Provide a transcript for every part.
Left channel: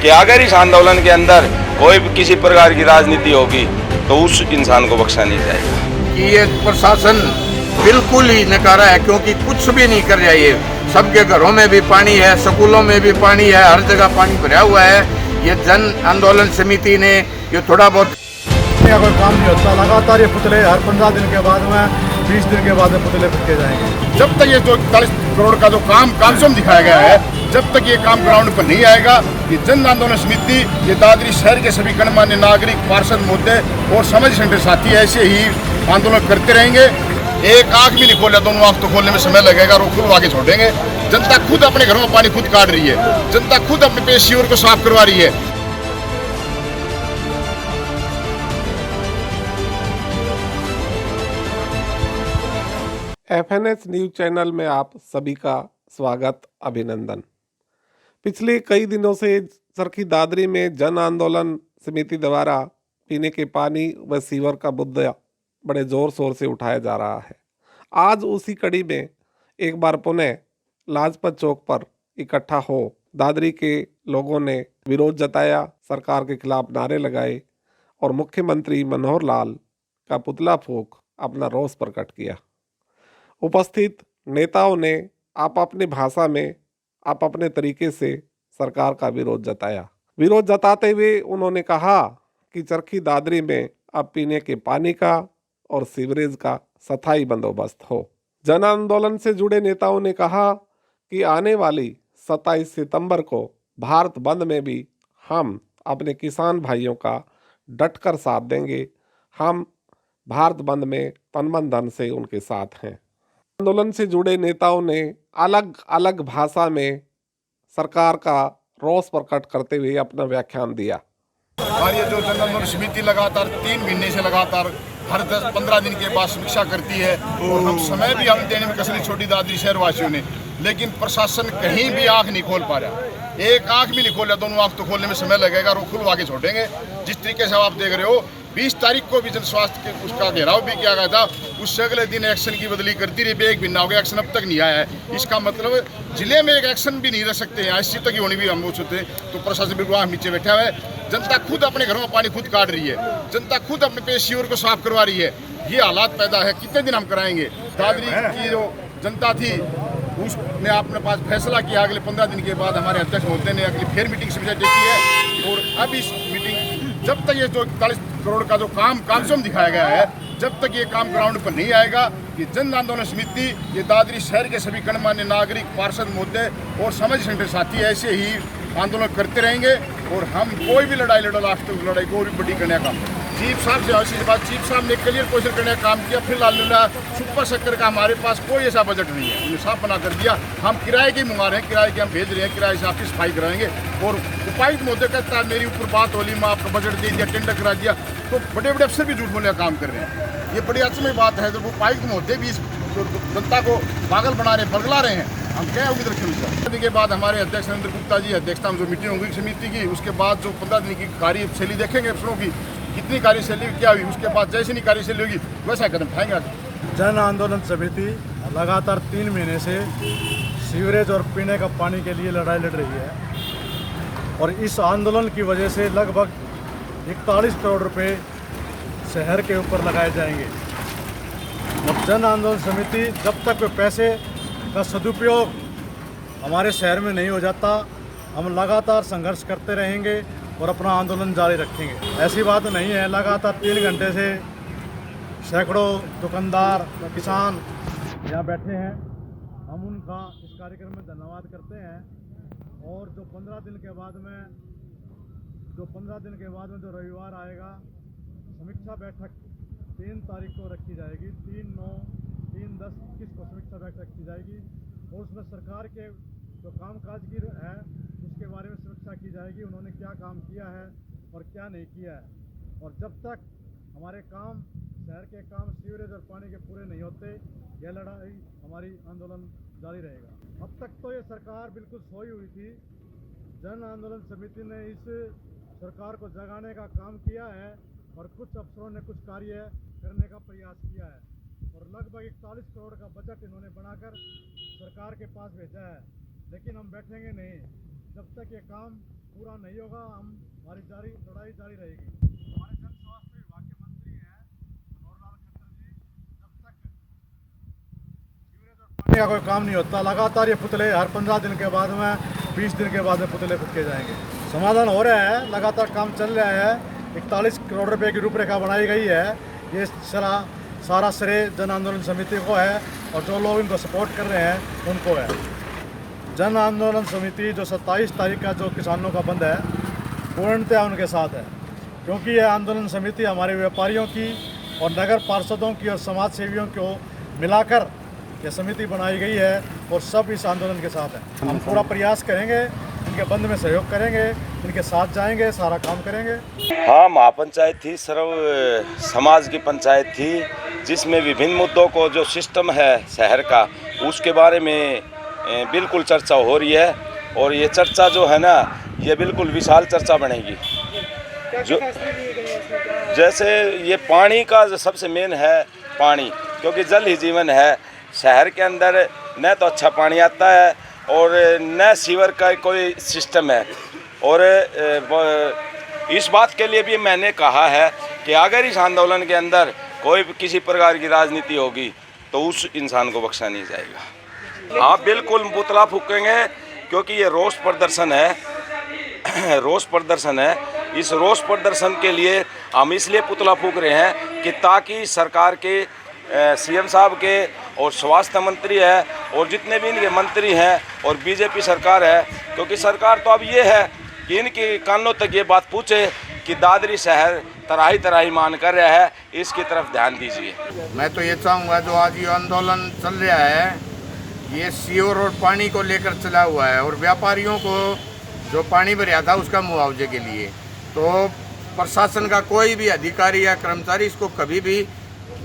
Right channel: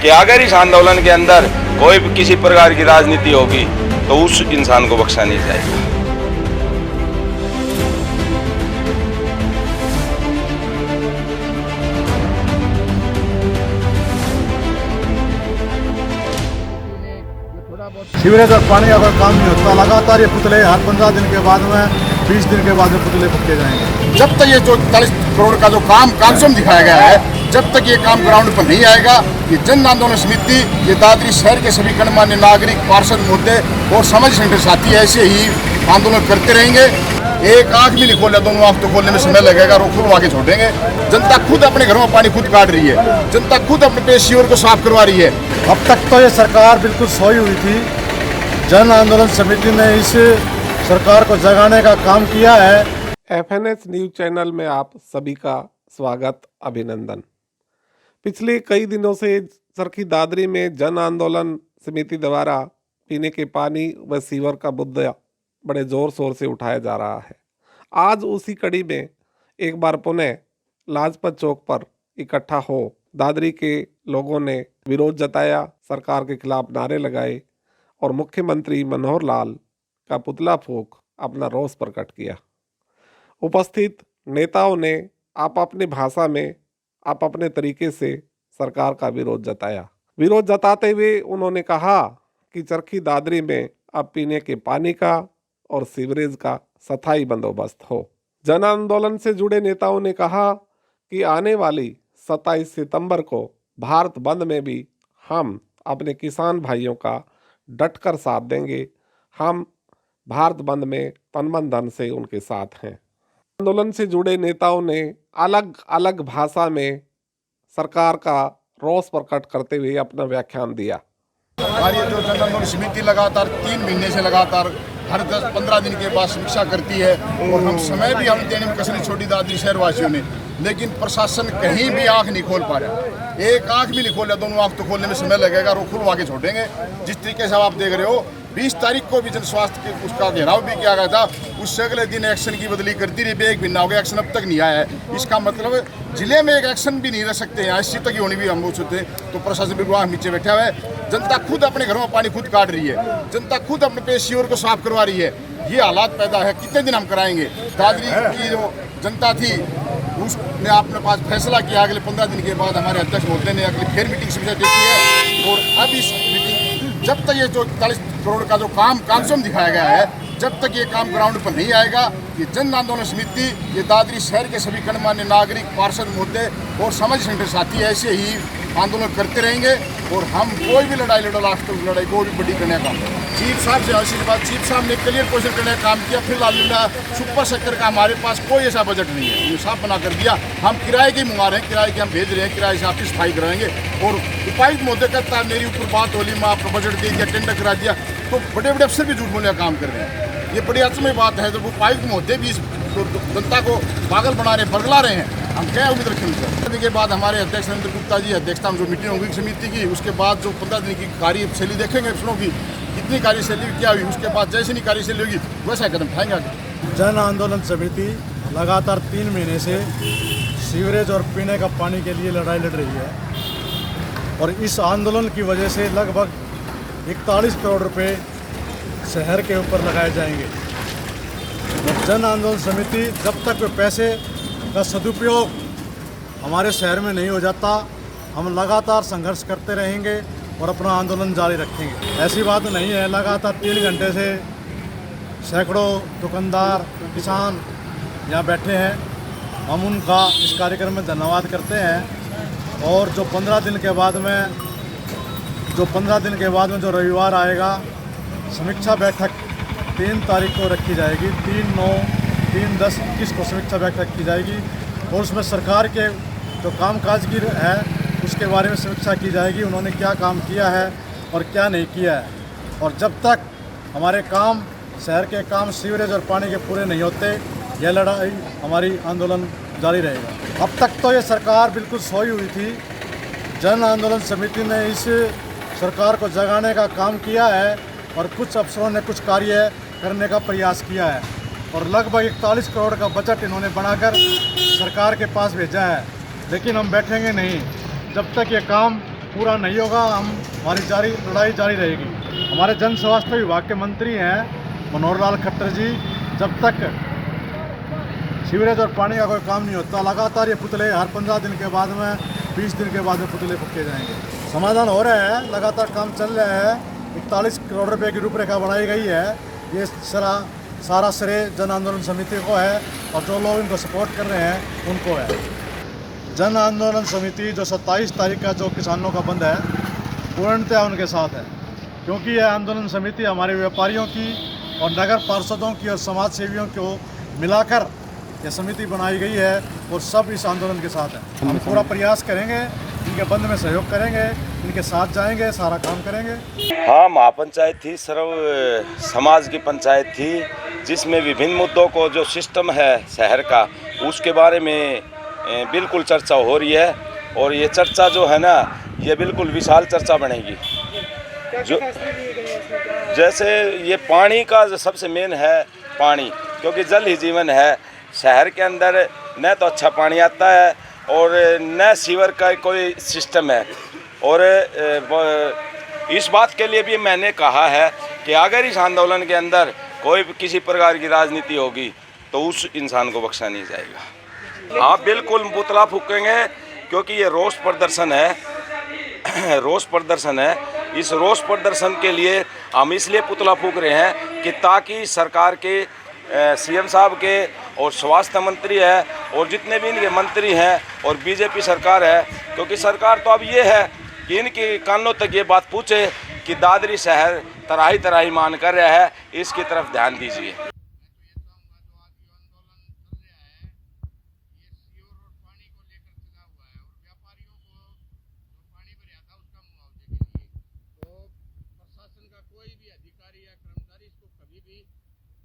कि अगर इस आंदोलन के अंदर कोई भी किसी प्रकार की राजनीति होगी तो उस इंसान को बख्शा नहीं जाएगा। ये प्रशासन बिल्कुल ही नकारा है, क्योंकि कुछ भी नहीं कर रहा। ये सबके घरों में भी पानी है, स्कूलों में भी पानी है, हर जगह पानी भरा हुआ है। ये जन आंदोलन समिति ने ये थोड़ा बहुत सीवरेज और पानी का कोई काम नहीं होता। लगातार ये पुतले हर 15 दिन के बाद में 20 दिन के बाद में पुतले फूके जाएंगे। जब तक ये जो 40 करोड़ का जो काम कामसम दिखाया गया है, जब तक ये काम ग्राउंड पर नहीं आएगा, ये जन आंदोलन समिति, ये दादरी शहर के सभी गणमान्य नागरिक, पार्षद मुद्दे और समाज सेंटर साथी ऐसे ही आंदोलन करते रहेंगे। एक आंख भी नहीं खोला, दोनों आंख तो खोलने में समय लगेगा और खुलवा के छोड़ेंगे। जनता खुद अपने घरों में पानी खुद काट रही है, जनता खुद अपने पेशियों को साफ करवा रही है। अब तक तो ये सरकार बिल्कुल सोई हुई थी। जन आंदोलन समिति ने इस सरकार को जगाने का काम किया है। FNS न्यूज चैनल में आप सभी का स्वागत, अभिनंदन। पिछले कई दिनों से चरखी दादरी में जन आंदोलन समिति द्वारा पीने के पानी व सीवर का मुद्दा बड़े जोर शोर से उठाया जा रहा है। आज उसी कड़ी में एक बार पुनः लाजपत चौक पर इकट्ठा हो दादरी के लोगों ने विरोध जताया, सरकार के खिलाफ नारे लगाए और मुख्यमंत्री मनोहर लाल का पुतला फूंक अपना रोष प्रकट किया। उपस्थित नेताओं ने आप अपनी भाषा में, आप अपने तरीके से सरकार का विरोध जताया। विरोध जताते हुए उन्होंने कहा कि चरखी दादरी में अब पीने के पानी का और सीवरेज का स्थायी बंदोबस्त हो। जन आंदोलन से जुड़े नेताओं ने कहा कि आने वाली 27 सितंबर को भारत बंद में भी हम अपने किसान भाइयों का डटकर साथ देंगे। हम भारत बंद में तन मन धन से उनके साथ हैं। आंदोलन से जुड़े नेताओं ने अलग अलग भाषा में सरकार का रोष प्रकट करते हुए अपना व्याख्यान दिया। और ये जो जन आंदोलन समिति लगातार 3 महीने से लगातार हर 10-15 दिन के बाद समीक्षा करती है और हम समय भी हम देने में कसरी छोड़ी दादरी शहरवासियों ने, लेकिन प्रशासन कहीं भी आंख नहीं खोल पा रहा। एक आंख भी नहीं खोला, दोनों आंख तो खोलने में समय लगेगा और वो खुलवा के छोड़ेंगे। जिस तरीके से आप देख रहे हो, 20 तारीख को भी जन स्वास्थ्य के उसका घेराव भी किया गया था, उससे अगले दिन एक्शन की बदली करती रही। एक महीना हो गया, एक्शन अब तक नहीं आया है। इसका मतलब जिले में एक एक्शन भी नहीं रह सकते यहाँ, इसी तक ही होनी भी हम वो सोचते। तो प्रशासन बिल्कुल आंख नीचे बैठा हुआ है। जनता खुद अपने घरों में पानी खुद काट रही है, जनता खुद अपने पेशियों को साफ करवा रही है। ये हालात पैदा है, कितने दिन हम कराएंगे। दादरी की जो जनता थी उसने अपने पास फैसला किया, अगले 15 दिन के बाद हमारे अध्यक्ष महोदय ने अगली फिर मीटिंग समझा देती है। और अब इस मीटिंग, जब तक ये जो 40 करोड़ का जो काम कामसम दिखाया गया है, जब तक ये काम ग्राउंड पर नहीं आएगा, ये जन आंदोलन समिति, ये दादरी शहर के सभी गणमान्य नागरिक, पार्षद मुद्दे और समाज सेंटर साथी ऐसे ही आंदोलन करते रहेंगे। और हम कोई भी लड़ाई लड़ो, लास्ट तक लड़ाई को भी बड़ी करने का काम है। चीफ साहब से ऐसी बात, चीफ साहब ने क्लियर क्वेश्चन करने का काम किया। फिलहाल सुपर सेक्टर का हमारे पास कोई ऐसा बजट नहीं है, उन्हें साफ बना कर दिया। हम किराए की मंगा रहे हैं, किराए की हम भेज रहे हैं, किराए से आपकी सफाई कराएंगे। और उपायुक्त महोदय कहता है मेरी ऊपर बात होली, मैं आपको बजट दे दिया, टेंडर करा दिया। तो बड़े बड़े अफसर भी झूठ बोलने का काम कर रहे हैं। ये बड़ी अचमय बात है। तो उपायुक्त महोदय भी इस जनता को पागल बना रहे, बरगला रहे हैं। हम क्या उम्मीद रखें उनसे। के बाद हमारे अध्यक्ष नरेंद्र गुप्ता जी अध्यक्षता में जो मीटिंग होगी समिति की, उसके बाद जो 15 दिन की कार्यशैली देखेंगे अफसरों की, कितनी कार्यशैली क्या हुई, उसके बाद जैसे नहीं कार्यशैली होगी वैसा कदम उठाएंगे आगे। जन आंदोलन समिति लगातार 3 महीने से सीवरेज और पीने का पानी के लिए लड़ाई लड़ रही है और इस आंदोलन की वजह से लगभग 41 करोड़ रुपए शहर के ऊपर लगाए जाएंगे। और जन आंदोलन समिति जब तक वे पैसे का सदुपयोग हमारे शहर में नहीं हो जाता, हम लगातार संघर्ष करते रहेंगे और अपना आंदोलन जारी रखेंगे। ऐसी बात नहीं है, लगातार 3 घंटे से सैकड़ों दुकानदार, किसान यहाँ बैठे हैं। हम उनका इस कार्यक्रम में धन्यवाद करते हैं। और जो 15 दिन के बाद में जो रविवार आएगा, समीक्षा बैठक 3 तारीख को रखी जाएगी। 3/9, 3/10/21 को समीक्षा बैठक की जाएगी और उसमें सरकार के जो कामकाज की है उसके बारे में समीक्षा की जाएगी। उन्होंने क्या काम किया है और क्या नहीं किया है। और जब तक हमारे काम, शहर के काम सीवरेज और पानी के पूरे नहीं होते, यह लड़ाई, हमारी आंदोलन जारी रहेगा। अब तक तो ये सरकार बिल्कुल सोई हुई थी। जन आंदोलन समिति ने इस सरकार को जगाने का काम किया है और कुछ अफसरों ने कुछ कार्य करने का प्रयास किया है और लगभग 41 करोड़ का बजट इन्होंने बनाकर सरकार के पास भेजा है। लेकिन हम बैठेंगे नहीं जब तक ये काम पूरा नहीं होगा हमारी लड़ाई जारी रहेगी। हमारे जन स्वास्थ्य विभाग के मंत्री हैं मनोहर लाल खट्टर जी, जब तक सीवरेज और पानी का कोई काम नहीं होता लगातार ये पुतले हर 15 दिन के बाद में 20 दिन के बाद में पुतले फूके जाएंगे। समाधान हो रहा है, लगातार काम चल रहा है। 41 करोड़ रुपए की रूपरेखा बनाई गई है। ये सारा श्रेय जन आंदोलन समिति को है और जो लोग इनको सपोर्ट कर रहे हैं उनको है। जन आंदोलन समिति जो 27 तारीख का जो किसानों का बंद है पूर्णतया उनके साथ है, क्योंकि यह आंदोलन समिति हमारे व्यापारियों की और नगर पार्षदों की और समाज सेवियों को मिलाकर यह समिति बनाई गई है और सब इस आंदोलन के साथ हैं। हम पूरा प्रयास करेंगे, इनके बंद में सहयोग करेंगे, इनके साथ जाएंगे, सारा काम करेंगे। हाँ, महापंचायत थी, सर्व समाज की पंचायत थी, जिसमें विभिन्न मुद्दों को जो सिस्टम है शहर का उसके बारे में बिल्कुल चर्चा हो रही है। और ये चर्चा जो है ना, ये बिल्कुल विशाल चर्चा बनेगी। जो जैसे ये पानी का जो सबसे मेन है पानी, क्योंकि जल ही जीवन है। शहर के अंदर न तो अच्छा पानी आता है और न सीवर का कोई सिस्टम है। और इस बात के लिए भी मैंने कहा है कि अगर इस आंदोलन के अंदर कोई किसी प्रकार की राजनीति होगी तो उस इंसान को बख्शा नहीं जाएगा। हाँ, बिल्कुल पुतला फूकेंगे, क्योंकि ये रोष प्रदर्शन है। रोष प्रदर्शन है। इस रोष प्रदर्शन के लिए हम इसलिए पुतला फूक रहे हैं कि ताकि सरकार के सीएम साहब के और स्वास्थ्य मंत्री है और जितने भी इनके मंत्री हैं और बीजेपी सरकार है, क्योंकि सरकार तो अब ये है कि इनके कानों तक ये बात पूछे कि दादरी शहर तराही तराही मान कर रहा है, इसकी तरफ ध्यान दीजिए। मैं तो ये चाहूँगा जो आज ये आंदोलन चल रहा है ये सीवर और पानी को लेकर चला हुआ है और व्यापारियों को जो पानी भरा था उसका मुआवजे के लिए, तो प्रशासन का कोई भी अधिकारी या कर्मचारी इसको कभी भी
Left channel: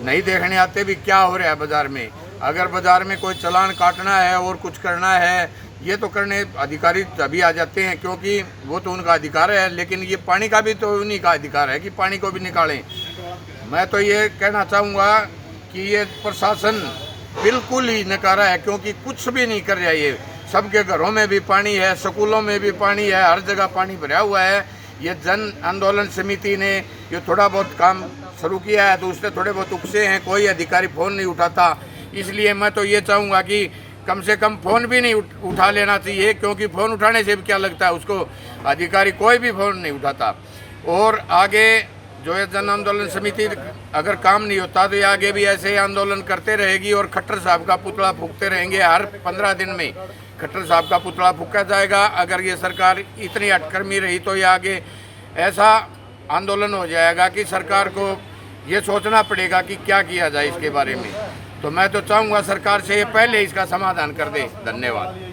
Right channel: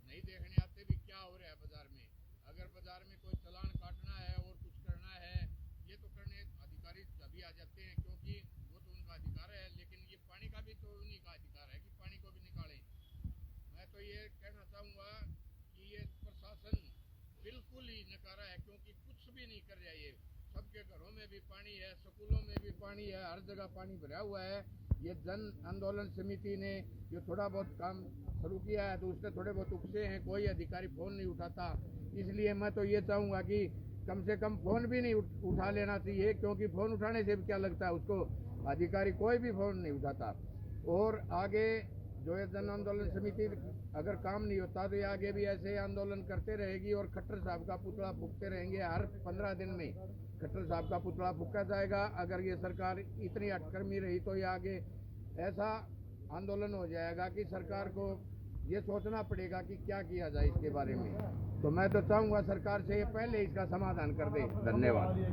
नहीं देखने आते भी क्या हो रहा है बाज़ार में। अगर बाज़ार में कोई चालान काटना है और कुछ करना है ये तो करने अधिकारी तभी आ जाते हैं, क्योंकि वो तो उनका अधिकार है, लेकिन ये पानी का भी तो उन्हीं का अधिकार है कि पानी को भी निकालें। मैं तो ये कहना चाहूँगा कि ये प्रशासन बिल्कुल ही नकारा है, क्योंकि कुछ भी नहीं कर रहा है। ये सबके घरों में भी पानी है, स्कूलों में भी पानी है, हर जगह पानी भरा हुआ है। ये जन आंदोलन समिति ने ये थोड़ा बहुत काम शुरू किया है तो उससे थोड़े बहुत उकसे हैं, कोई अधिकारी फ़ोन नहीं उठाता। इसलिए मैं तो ये चाहूँगा कि कम से कम फ़ोन भी नहीं उठा लेना चाहिए, क्योंकि फ़ोन उठाने से भी क्या लगता है उसको, अधिकारी कोई भी फ़ोन नहीं उठाता। और आगे जो है जन आंदोलन समिति अगर काम नहीं होता तो ये आगे भी ऐसे ही आंदोलन करते रहेगी और खट्टर साहब का पुतला फूकते रहेंगे। हर 15 दिन में खट्टर साहब का पुतला फूका जाएगा। अगर ये सरकार इतनी हटकर्मी रही तो ये आगे ऐसा आंदोलन हो जाएगा कि सरकार को ये सोचना पड़ेगा कि क्या किया जाए इसके बारे में। तो मैं तो चाहूँगा सरकार से ये पहले इसका समाधान कर दे। धन्यवाद।